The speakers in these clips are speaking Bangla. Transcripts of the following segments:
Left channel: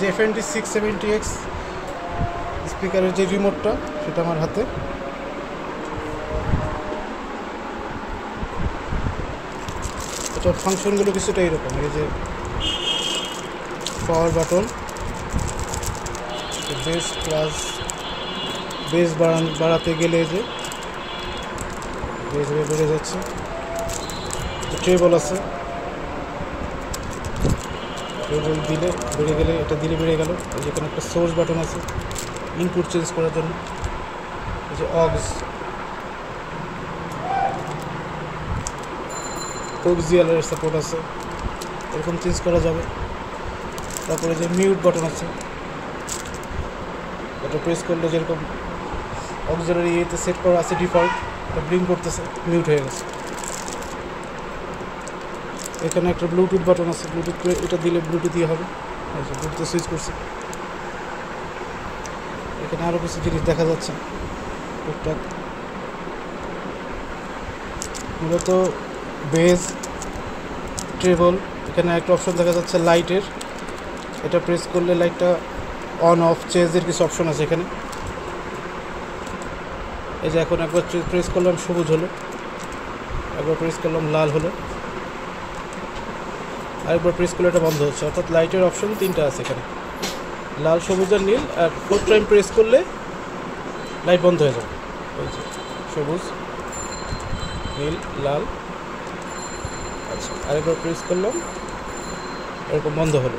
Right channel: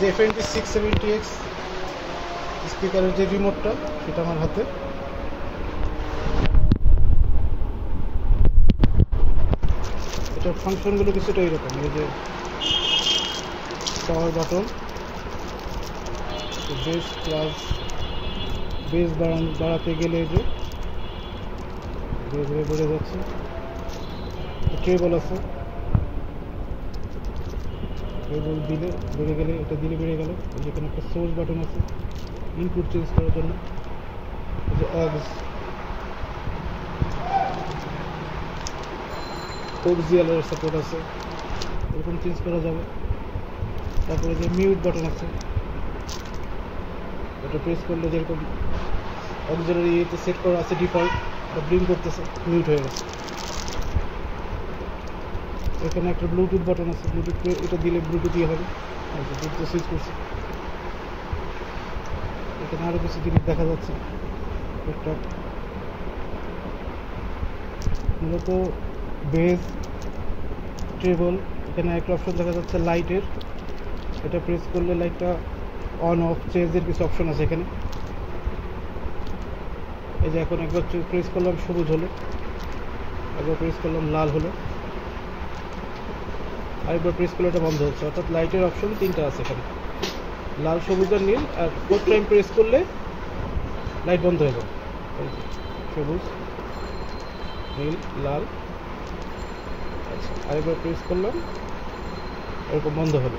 যে FND 670X স্পিকারের যে রিমোটটা সেটা আমার হাতে। এটার ফাংশনগুলো কিছুটা এরকম, এই যে power button, base plus base বাড়াতে গেলে যে বেস বেড়ে যাচ্ছে, ট্রেবল আছে, ট্রেবল দিলে বেড়ে গেলে, এটা দিলে বেড়ে গেল। যেখানে একটা সোর্স বাটন আছে ইনপুট চেঞ্জ করার জন্য, এই যে অক্সিয়ালের সাপোর্ট আছে, এরকম চেঞ্জ করা যাবে। তারপরে যে মিউট বাটন আছে, এটা প্রেস করলে যেরকম অক্সিলারি ইয়েতে সেট করা আছে ডিফল্ট, এটা ব্লিঙ্ক করতেছে, মিউট হয়ে গেছে। এখানে একটা ব্লুটুথ বাটন আছে, ব্লুটুথ এটা দিলে ব্লুটুথ দিয়ে হবে, ব্লুটুথে সুইচ করছে। এখানে আরও কিছু জিনিস দেখা যাচ্ছে টুকটাক, মূলত বেস, ট্রেবল। এখানে একটা অপশন দেখা যাচ্ছে লাইটের, এটা প্রেস করলে লাইটটা অন অফ চেঞ্জের কিছু অপশন আছে এখানে। এই যে এখন একবার প্রেস করলাম সবুজ হলো, একবার প্রেস করলাম লাল হলো, আরেকবার প্রেস করলে এটা বন্ধ হচ্ছে। অর্থাৎ লাইটের অপশন তিনটা আছে এখানে, লাল, সবুজ আর নীল। আর 4 টাইম প্রেস করলে লাইট বন্ধ হয়ে যাবে। এই যে সবুজ, নীল, লাল। আচ্ছা, আরেকবার প্রেস করলাম, এরকম বন্ধ হলো।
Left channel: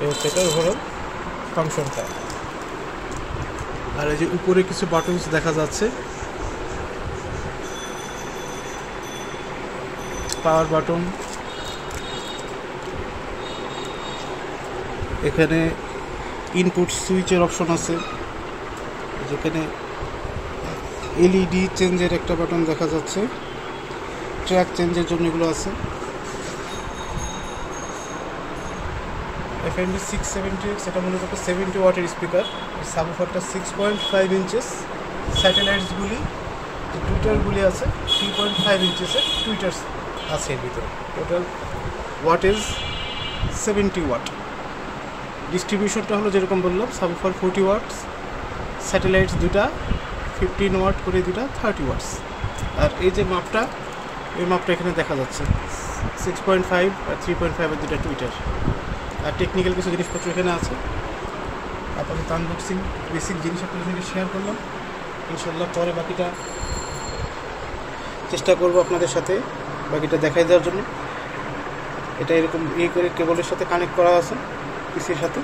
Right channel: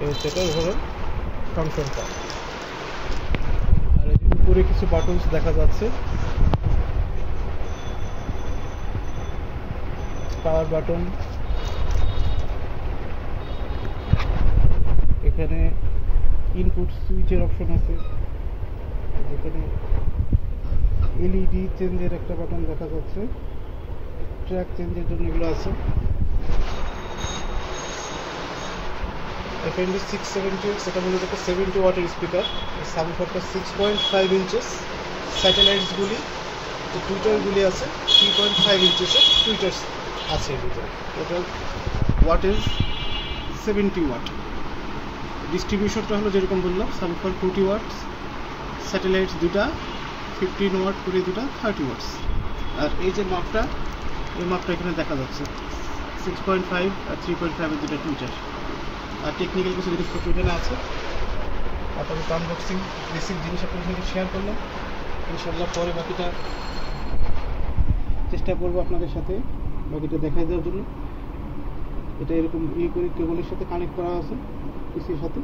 এই হচ্ছে এটা ওভারঅল ফাংশনটা। আর এই যে উপরে কিছু বাটনস দেখা যাচ্ছে, পাওয়ার বাটন, এখানে ইনপুট সুইচের অপশন আছে, যেখানে LED চেঞ্জের একটা বাটন দেখা যাচ্ছে, ট্র্যাক চেঞ্জের জন্য এগুলো আছে। FND 670X এটা মূলত একটা 70 ওয়াটের স্পিকার। সাবউফারটা 6.5 ইঞ্চেস, স্যাটেলাইটসগুলি যে টুইটারগুলি আছে 3.5 ইঞ্চেসের টুইটার্স আছে এর ভিতরে। Total wattage 70 watt. ডিস্ট্রিবিউশনটা হলো যেরকম বললাম, সাবউফার 40 ওয়াটস, স্যাটেলাইটস দুটা 15 ওয়াট করে, দুটা 30 ওয়াটস। আর এই যে মাপটা, এই মাপটা এখানে দেখা যাচ্ছে 6.5 আর 3.5 এর দুটা টুইটার। আর টেকনিক্যাল কিছু জিনিসপত্র এখানে আছে। আপাতত আনবক্সিং বেসিক জিনিস আপনার সঙ্গে শেয়ার করলাম। ইনশাল্লাহ পরে বাকিটা চেষ্টা করব আপনাদের সাথে বাকিটা দেখাই দেওয়ার জন্য। এটা এরকম করে কেবলের সাথে কানেক্ট করা আছে পিসির সাথে।